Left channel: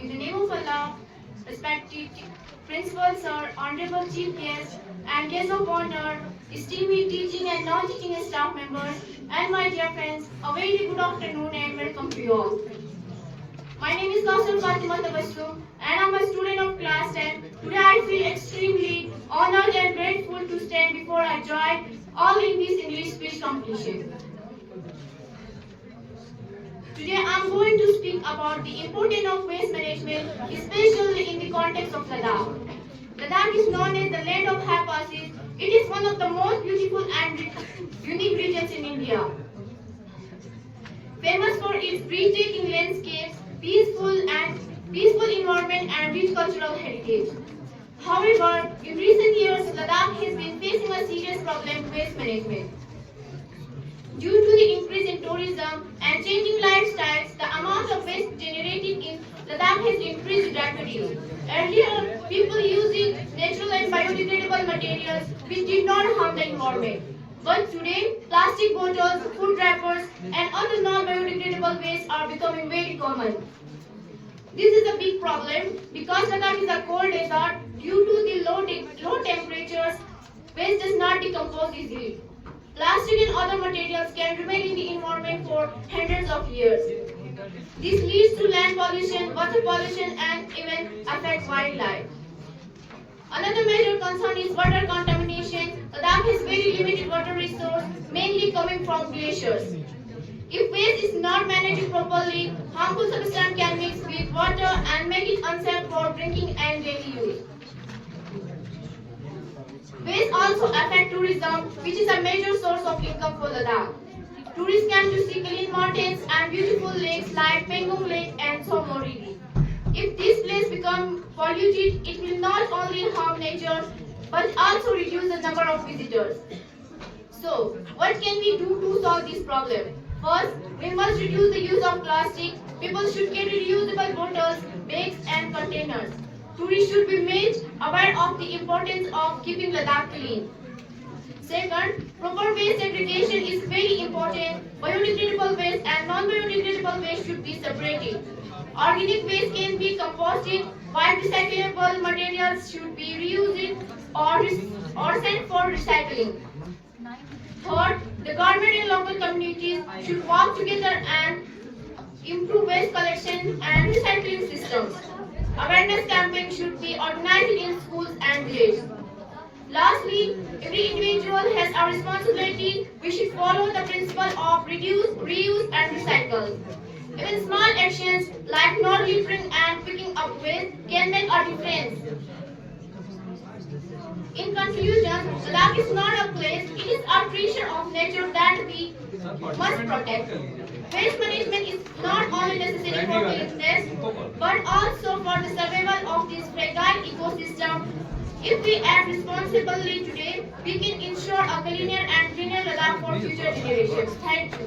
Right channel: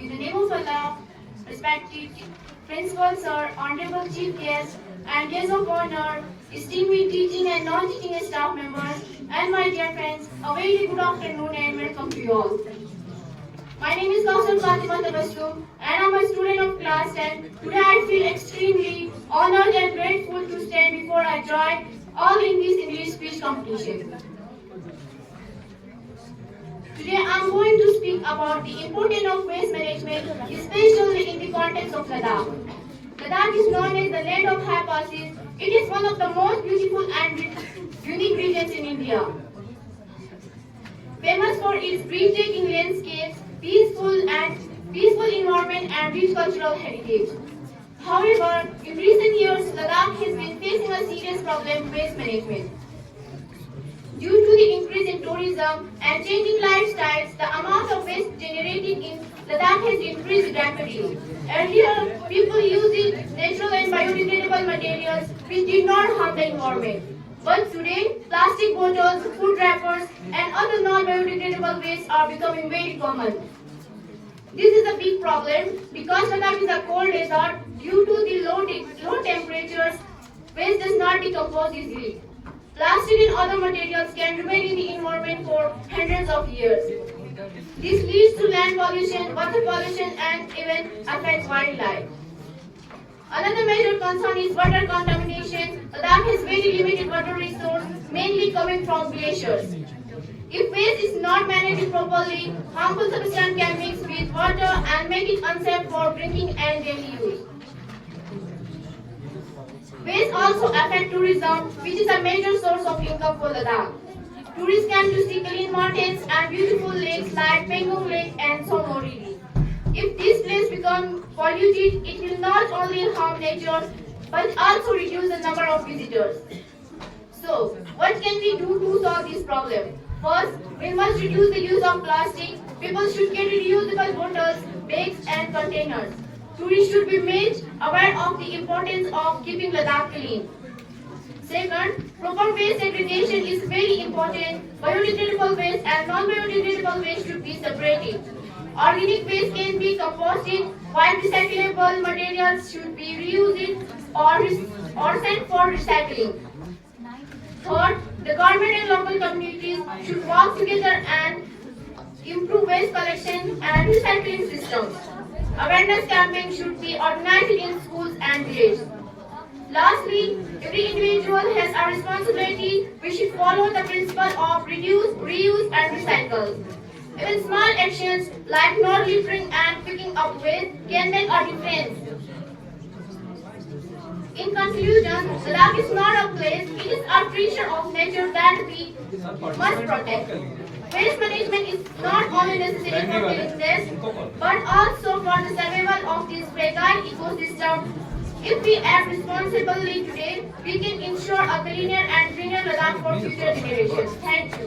In the name of Allah, respected Principal Sir, Honorable Chief Guest, and guests of honor, esteemed teaching and non-teaching staff members, and my dear friends, a very good afternoon and welcome to you all. My name is Kausal Fatima Tabassum, and I'm a student of class 10. Today I feel extremely honored and grateful to stand before I join all in this English speech competition. Today I am going to speak about the importance of waste management, especially in the context of Ladakh. Ladakh is known as the land of high passes. It is one of the most beautiful and unique regions in India. Famous for its breathtaking landscapes, peaceful environment and rich cultural heritage. However, in recent years, Ladakh has been facing a serious problem with waste management. Due to the increase in tourism and changing lifestyles, the amount of waste generated in Ladakh has increased rapidly. Earlier, people used natural and biodegradable materials which did not harm the environment. But today, plastic bottles, food wrappers, and other non-biodegradable wastes are becoming very common. This is a big problem because Ladakh is a cold desert. Due to the low temperatures, waste does not decompose easily. Plastic and other materials can remain in the environment for hundreds of years. This leads to land pollution, water pollution, and even affects wildlife. Another major concern is water contamination. Ladakh has very limited water resource, mainly coming from glaciers. If waste is not managed properly, harmful substances can mix with water and make it unsafe for drinking and daily use. Waste also affect tourism, which is a major source of income for Ladakh. Tourists come to see clean mountains and beautiful lakes like Pengong Lake and Somoriri. If this place becomes polluted, it will not only harm nature but also reduce the number of visitors. So, what can we do to solve this problem? First, we must reduce the use of plastic. People should carry reusable bottles, bags and containers. Tourists should be made aware of the importance of keeping Ladakh clean. Second, proper waste segregation is very important. Biodegradable waste and non-biodegradable waste should be separated. Organic waste can be composted, while recyclable materials should be reused or sent for recycling. Third, the government and local communities should work together and improve waste collection and recycling systems. Awareness campaigns should be organized in schools and villages. Lastly, every individual has a responsibility. We should follow the principle of reduce, reuse and recycle. Even small actions like not littering and picking up waste can make a difference. In conclusion, Ladakh is not a place, it is a treasure of nature that we must protect. Waste management is not only necessary for cleanliness, but also for the survival of this fragile ecosystem. If we act responsibly today, we can ensure a cleaner and greener Ladakh for future generations. Thank you.